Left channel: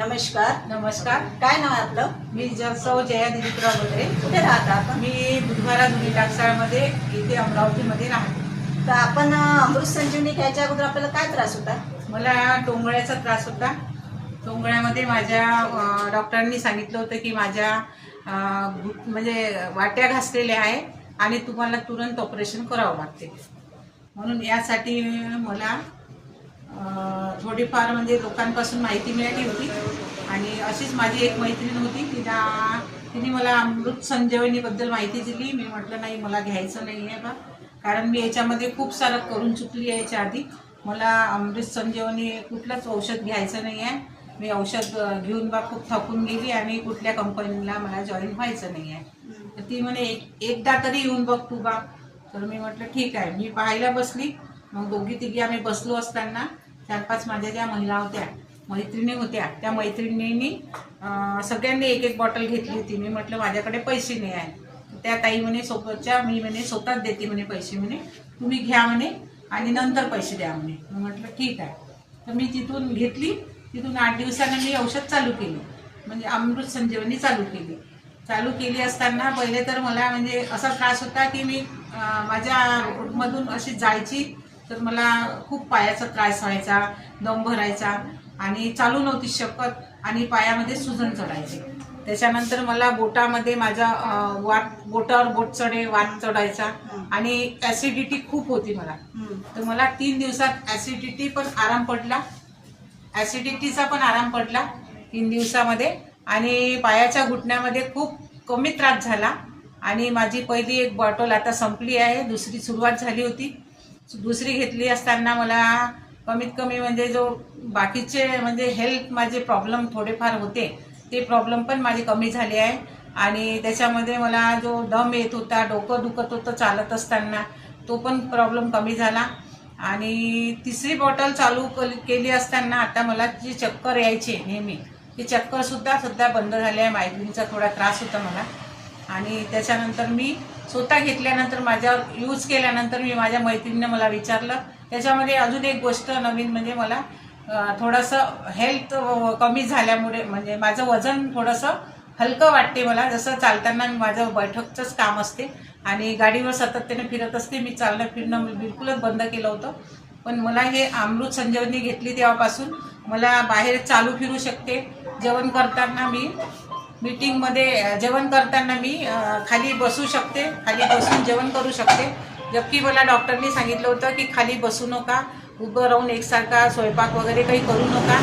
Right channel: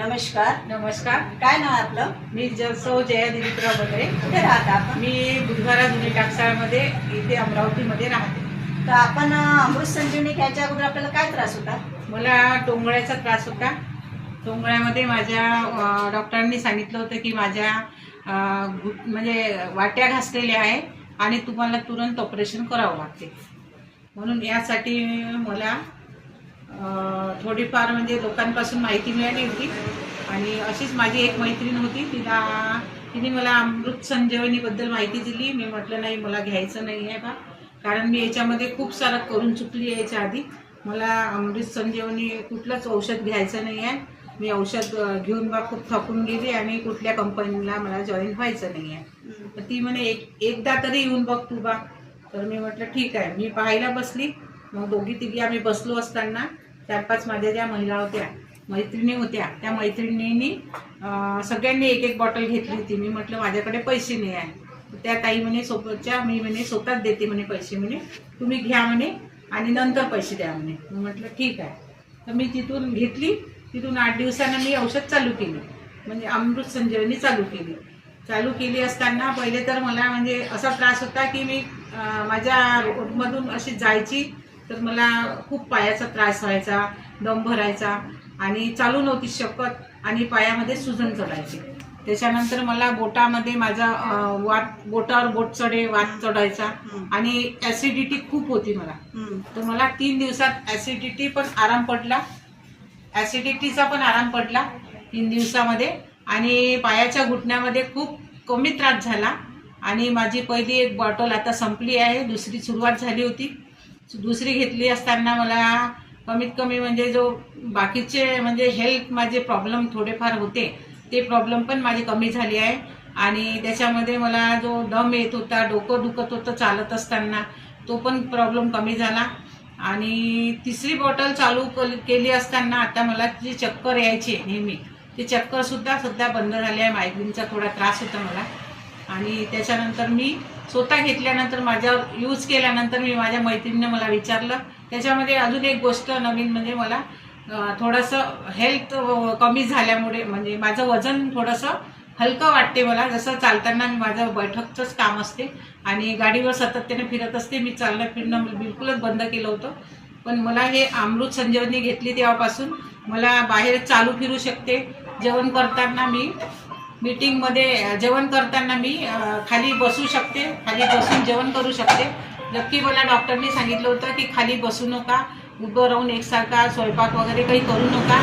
नमस्कार. नमस्कार. काय नाव आहे आपलं? मी सौ जया दिलीपराव वगैरे. कुठे राहता आपण? मी बुधवारा जुनी टाकसाळमध्ये इथे अमरावतीमध्ये राहते. तर आपण अमृत संजीवनी घ्यायच्या अगोदर आपल्याला काय त्रास होता? मला टोंगळ्याचा त्रास होता. टोंगळ्यामध्ये माझ्या डॉक्टरांनी सांगितलं होतं की माझ्या म्हणजे वाट्या घासलेल्या आहे आणि तुम्हाला तुरंत ऑपरेशन करावं लागते. म्हणून यासाठी मला थोडीफार म्हणजे लोकांपासून माहिती मिळाली होती आणि अशीच माझी एक मैत्रीण होती, तिने मला अमृत संजीवनीबद्दल माहिती दिली. मी म्हटलं नाही, मला घ्यायचं नाही आहे बा, कारण मी याच्यामध्ये खूप सारं करून चुकली आहे याच्या आधी. मला अमृत संजीवनी कुठलंच औषध घ्यायचं नाही आहे. मी औषध घेऊन बा खूप थकून गेली आणि कुठल्या कंपनीला मला जॉईन व्हायचं नाही आहे. तर ती म्हणे एकदा तरी येऊन बघ तू बा. तर मी म्हटलं ठीक आहे. मी पाहायला बसली. मग दोघी तिघी आम्ही बसलो असताना 4-5 माझ्या ज्या महिला होत्या, मैत्रिणी होत्या, त्या मैत्रिणींनी सगळ्यांनी एक एक बॉटल घेतली होती. मी म्हटलं माझ्याकडे पैसे नाही आहे. त्या ताई म्हणे सोबतच्या, मी म्हणे स्वतःच देते म्हणे पैसे, म्हणे तुम्ही घ्या म्हणे आणि नंतर पैसे द्या म्हणे. मी म्हटलं ठीक आहे. तर मी तिथून घेतली. तिथून 8 दिवसानं मी औषध चालू केली, म्हणजे अमृत संजीवनी चालू केली असताना पहिले तर मला म्हणजे असा त्रास होता की मी माझ्या रोडमधून अशी जायची तर मला खूप पायाचा त्रास व्हायचा, दम भरायचा आणि चालू नव्हती शकत आणि पायामध्ये सुजन चढायची. त्याच्यानंतर मला बोटामध्ये माझ्या बोटावर बोट वात चढायचा आणि ॲसिडिटी खूप होती मला. तर मला 3 दिवसात ॲसिडिटीचा पण आराम पडला 3 दिवसामध्ये. आणि पायाच्या घुटण्यामध्ये खूप कमी त्रास झाला आणि माझी पहिली एक बॉटल आता संपली आहे, दुसरी सुरुवात झाली होती. दुसरी घेतली असताना मला कमीत कमी म्हणजे जो बाकीचे म्हणजे हेल्थ माझे प्रॉब्लेम थोडेफार होते, ते प्रॉब्लेम पण माझे कमी झाले आहे. आणि त्याच्यामध्ये मला जो दम येत होता, डोकं दुखत होतं चालत असताना, तो पण प्रॉब्लेम कमी झाला. आणि तिसरी बॉटल चालू केली असताना आता मला जी चक्कर यायची नेहमी, ती चक्करसुद्धा सध्या बंद झाली आहे. मायग्रेनचा थोडा त्रास होता मला. आणि त्याच्यानंतर मी स्वतः घेतल्यानंतर, माझ्यावर यूज केल्यानंतर मी माझ्या मैत्रिणीनं मला विचारलं. त्याच्यामध्ये अजून एक गोष्ट नवीन म्हणजे मला थोडंसं हेल्थ कमी झाल्यामुळे म्हणजे माझं वजन थोडंसं हलकं वाटते मला. जसं चालताना मी माझं बैठकचंच काम असते आणि गाडीवर सातत्याने फिरत असते. मी चालणं फिरणं बिलकुलच बंद केलं होतं. पण मला हे अमृत संजीवनी घेतली तेव्हापासून मला बाहेर चालू फिरू शकते. जेवण करताना मी मीटिंगमध्ये जेवण करताना मी खाली बसू शकते, खाली बसून जेवण करू शकते. जबकि मला डॉक्टरनी सांगितलं होतं की खाली बसू नका, उभं राहून एकसारखा स्वयंपाक वगैरे काही करू नका.